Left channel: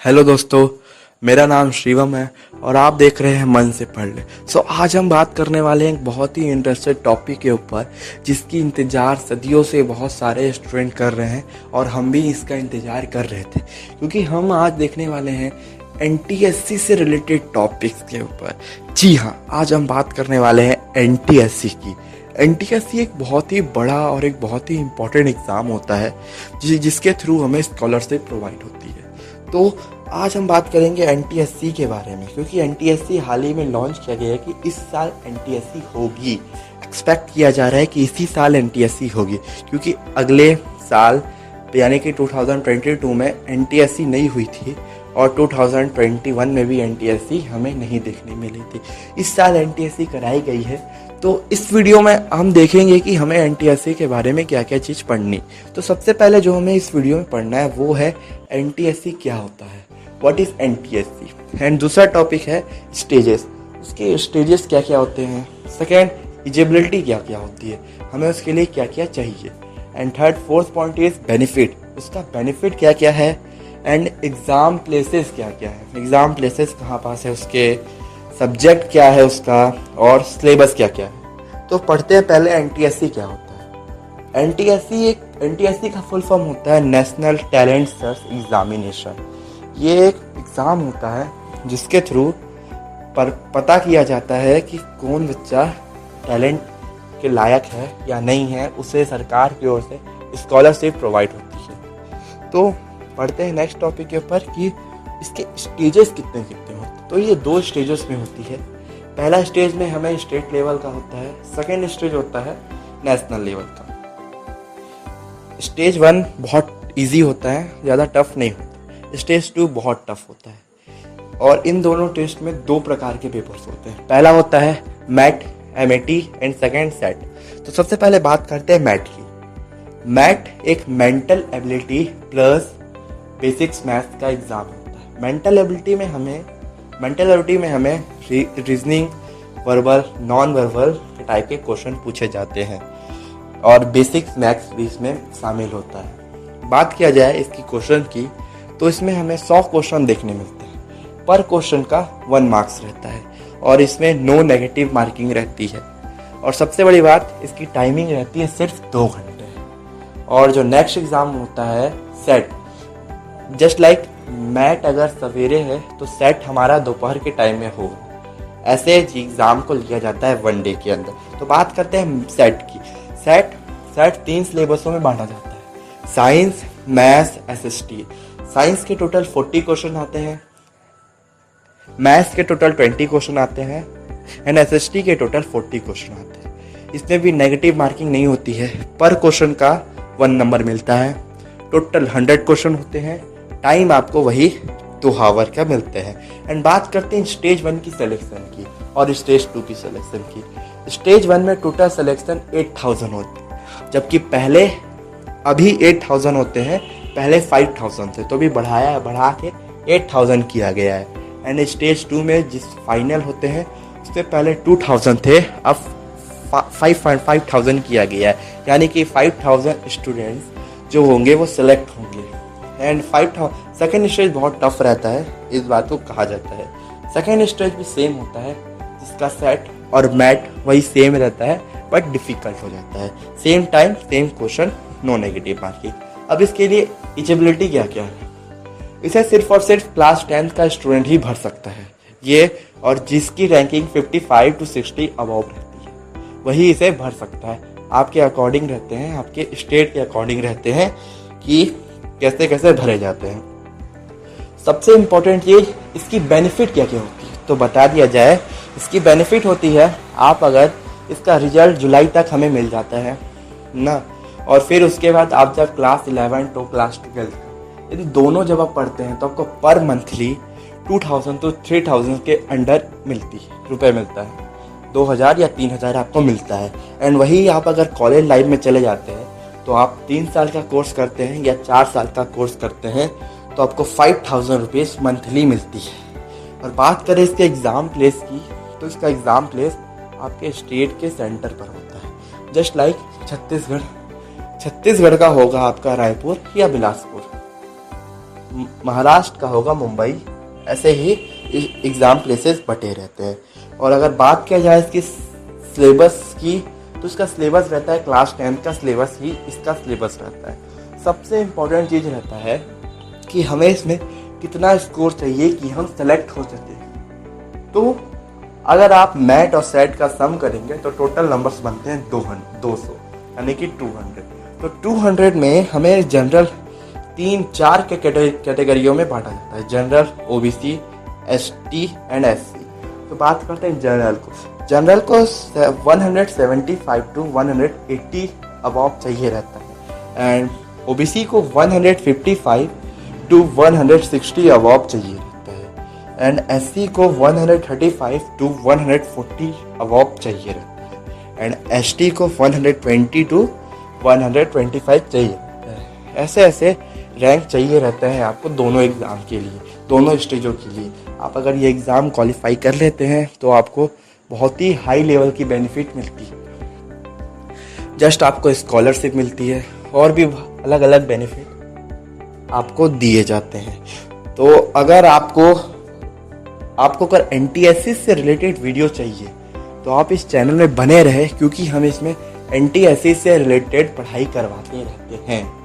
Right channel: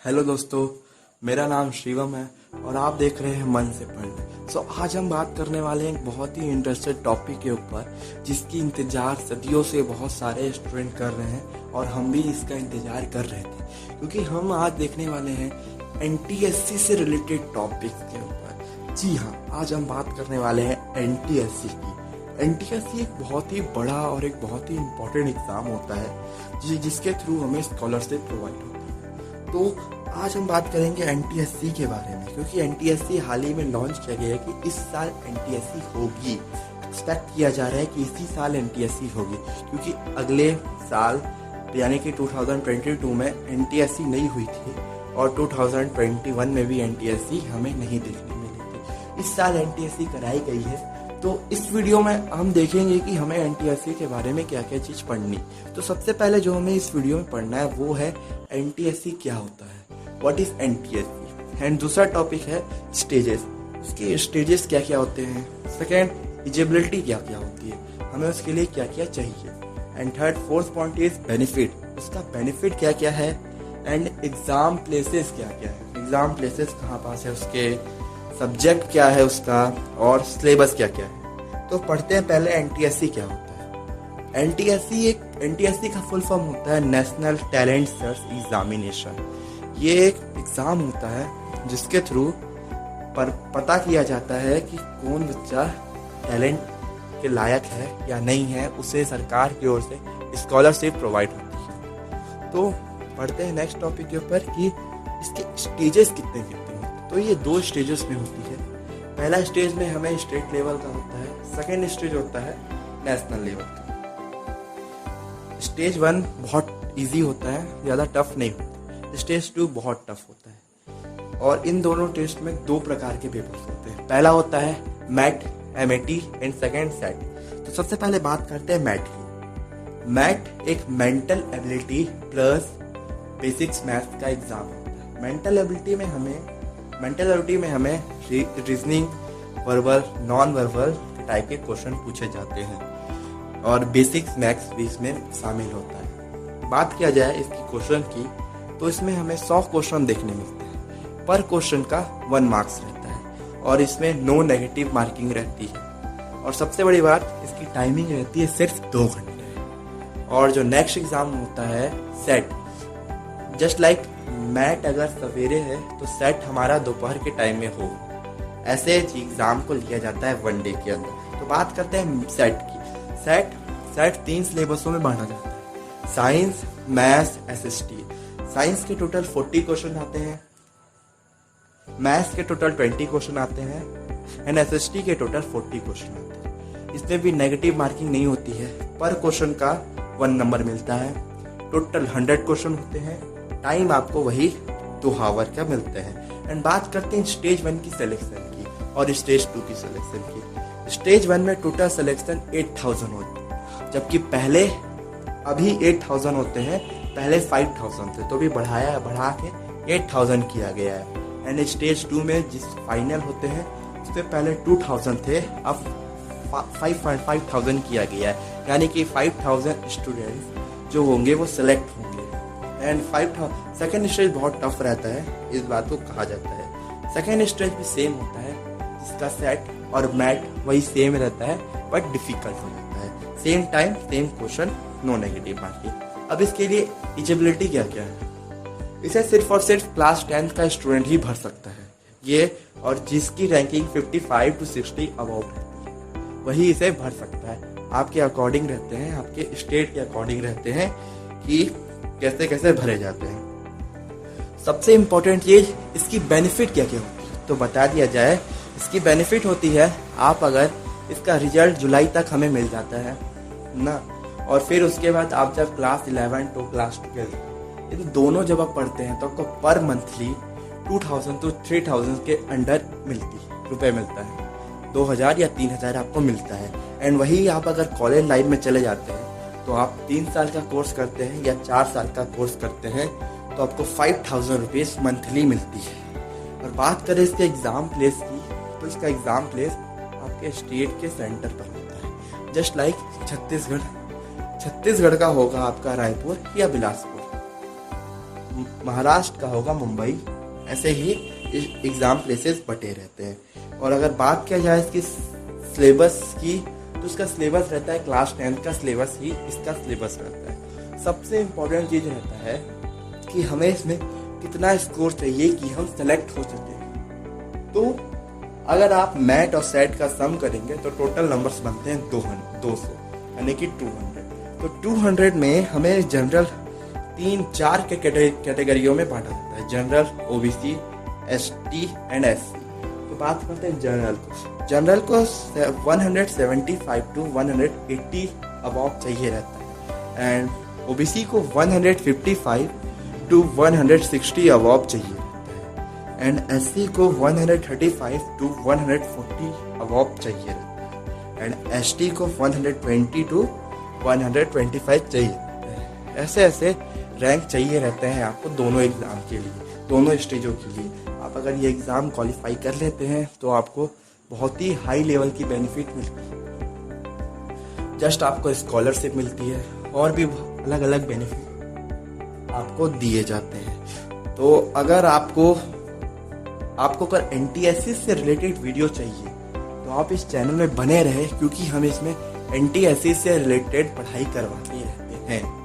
Hello दोस्तों, मेरा नाम शिवम है और आप देख रहे हैं मन से पढ़ ले। आज हम बात करने वाले हैं एक बहुत ही इंटरेस्टेड टॉपिक के ऊपर जिसकी इंतज़ार सदियों से बहुत सारे स्टूडेंट कर रहे हैं और हम भी इसका इंतज़ार कर रहे थे, क्योंकि हम आज देखने वाले हैं एनटीएससी से रिलेटेड टॉपिक्स के ऊपर। जी हाँ, आज हम बात करने वाले हैं एनटीएससी की। एनटीएससी एक बहुत ही बड़ा और एक बहुत ही इम्पोर्टेंट एग्ज़ाम होता है जिसके थ्रू हमें स्कॉलरशिप प्रोवाइड होती है। तो आज हम बात करेंगे एनटीएससी के बारे में, क्योंकि एनटीएससी हाल ही में लॉन्च किया गया है कि इस साल एनटीएससी होगी। एक्सपेक्ट किया जा रहा है कि इसी साल एनटीएससी होगी, क्योंकि अगले साल यानी कि 2022 में एनटीएससी नहीं हुई थी और 2021 में भी एनटीएससी हमें नहीं देखने मिली थी। इस साल एनटीएससी कराई गई है। तो इस वीडियो में हम देखेंगे कि हमें एनटीएससी के बारे में क्या क्या चीज़ पढ़नी। तो सबसे पहले जो हमें इस वीडियो में पढ़ना है वो है एनटीएससी क्या होता है, व्हाट इज़ एनटीएससी। एंड दूसरा टॉपिक है स्टेजेस, उसके स्टेजेस क्या क्या होते हैं। सेकेंड, एलिजिबिलिटी क्या क्या होती है, हमें उसके लिए क्या क्या चाहिए। And third fourth point is benefit, उसका बेनिफिट क्या क्या है। एंड एग्ज़ाम प्लेसेस क्या क्या है, एग्ज़ाम प्लेसेस कहाँ पास है, उसके सब्जेक्ट क्या है उसका, और सिलेबस क्या क्या है। तो पढ़ते हैं पहले एनटीएससी क्या होता है। एनटीएससी का फुल फॉर्म होता है नेशनल टैलेंट सर्च एग्जामिनेशन। ये एक एग्ज़ाम होता है जिसके थ्रू पर पता किया जाता है कि कौन बच्चा टैलेंट के लायक है या नहीं है, उसे सरकार की ओर से स्कॉलरशिप प्रोवाइड होती है। तो पढ़ते हैं नेक्स्ट टॉपिक के ऊपर कि इसके स्टेजेस कितने होते हैं। तो ये 2 स्टेजेस में होती है। पहला स्टेज में हमें स्टेट लेवल का होता है, सेकेंड स्टेज होता है नेशनल लेवल का। स्टेज 1 बहुत इजी होता है, ज़्यादा टफ नहीं होता। स्टेज 2 बहुत टफ होता है और इन दोनों टेस्ट में 2 प्रकार के पेपर्स होते हैं। पहला होता है MAT, MAT and second set. तो सबसे पहले बात करते हैं मैट की। मैट एक mental ability plus basics maths का एग्ज़ाम होता है। मेंटल एबिलिटी में हमें reasoning, verbal, non verbal type के क्वेश्चन पूछे जाते हैं और बेसिक्स मैथ्स भी इसमें शामिल होता है। बात किया जाए इसकी क्वेश्चन की, तो इसमें हमें 100 क्वेश्चन देखने मिलते हैं। पर क्वेश्चन का 1 मार्क्स रहता है और इसमें नो नेगेटिव मार्किंग रहती है। और सबसे बड़ी बात, इसकी टाइमिंग रहती है सिर्फ 2 घंटे। और जो नेक्स्ट एग्ज़ाम होता है सेट, जस्ट लाइक मैट अगर सवेरे है तो सेट हमारा दोपहर के टाइम में हो, ऐसे एग्ज़ाम को लिया जाता है 1 डे के अंदर। तो बात करते हैं सेट की। सेट 3 सिलेबसों में बांटा जाता है, साइंस, मैथ्स, एसएसटी। साइंस के टोटल 40 क्वेश्चन आते हैं, मैथ्स के टोटल 20 क्वेश्चन आते हैं एंड एसएसटी के टोटल 40 क्वेश्चन आते हैं। इसमें भी नेगेटिव मार्किंग नहीं होती है। पर क्वेश्चन का 1 नंबर मिलता है। टोटल 100 क्वेश्चन होते हैं। टाइम आपको वही 2 आवर का मिलते हैं। एंड बात करते हैं स्टेज 1 की सिलेक्शन की और स्टेज 2 की सिलेक्शन की। स्टेज 1 में टोटल सिलेक्शन 8000 होते हैं, जबकि पहले अभी 8000 होते हैं, पहले 5000 थे, तो भी बढ़ा के 8000 किया गया है। एंड स्टेज 2 में जिस फाइनल होते हैं उससे पहले 2000 थे, अब 5000 किया गया है, यानी कि 5000 स्टूडेंट्स जो होंगे वो सिलेक्ट होंगे। एंड 5000 सेकेंड स्टेज बहुत टफ रहता है, इस बात को कहा जाता है। सेकेंड स्टेज भी सेम होता है, जिसका सेट और मैट वही सेम रहता है, बट डिफिकल्ट हो जाता है। Same time, same question, no negative marking. अब इसके लिए एलिजिबिलिटी क्या क्या है। इसे सिर्फ और सिर्फ क्लास 10 का स्टूडेंट ही भर सकता है ये, और जिसकी रैंकिंग 55 to 60 अबव रहती है वही इसे भर सकता है। आपके अकॉर्डिंग रहते हैं, आपके स्टेट के अकॉर्डिंग रहते हैं कि कैसे कैसे भरे जाते हैं। सबसे इम्पोर्टेंट ये इसकी बेनिफिट क्या क्या होती है, तो बता दिया जाए। इसकी बेनिफिट होती है, आप अगर इसका रिजल्ट जुलाई तक हमें मिल जाता है ना, और फिर उसके बाद आप जब क्लास 11 तो क्लास 12, यदि दोनों जब आप पढ़ते हैं तो आपको पर मंथली 2000 to 3000 के अंडर रुपए मिलता है। 2000 या 3000 आपको मिलता है। एंड वही आप अगर कॉलेज लाइफ में चले जाते हैं तो आप 3 साल का कोर्स करते हैं या 4 साल का कोर्स करते हैं तो आपको 5000 रुपीज़ मंथली मिलती है। और बात करें इसके एग्ज़ाम प्लेस की, तो इसका एग्ज़ाम प्लेस आपके स्टेट के सेंटर पर होता है। जस्ट लाइक छत्तीसगढ़ का होगा आपका रायपुर या बिलासपुर। महाराष्ट्र का होगा मुंबई। ऐसे ही एग्ज़ाम प्लेसेस बटे रहते हैं। और अगर बात किया जाए इसकी सिलेबस की, तो इसका सिलेबस रहता है क्लास 10 का सिलेबस ही इसका सिलेबस रहता है। सबसे इम्पोर्टेंट चीज़ रहता है कि हमें इसमें कितना स्कोर चाहिए कि हम सेलेक्ट हो सकें। तो अगर आप मैट और सेट का सम करेंगे तो टोटल नंबर्स बनते हैं 200 यानी कि 200। तो 200 में हमें जनरल 3-4 के कैटेगरियों में बांटा जाता है, general, OBC, ST and SC. तो बात करते हैं जनरल को 175 टू 180 अबव चाहिए रहता है, एंड ओबीसी को 155 टू 160 अबव चाहिए रहता है, एंड एससी को 135 टू 140 अबव चाहिए रहता है, एंड एसटी को 120 टू 125 चाहिए रहता है। ऐसे ऐसे रैंक चाहिए रहते हैं आपको दोनों एग्ज़ाम के लिए, दोनों स्टेजों के लिए। आप अगर ये एग्ज़ाम क्वालिफाई कर लेते हैं तो आपको बहुत ही हाई लेवल की बेनिफिट मिलती है। जस्ट आपको स्कॉलरशिप मिलती है और भी अलग अलग बेनिफिट आपको दिए जाते हैं। तो अगर आपको अगर एनटीएससी से रिलेटेड वीडियो चाहिए तो आप इस चैनल में बने रहे, क्योंकि हम इसमें एनटीएससी से रिलेटेड पढ़ाई करवाते रहते हैं।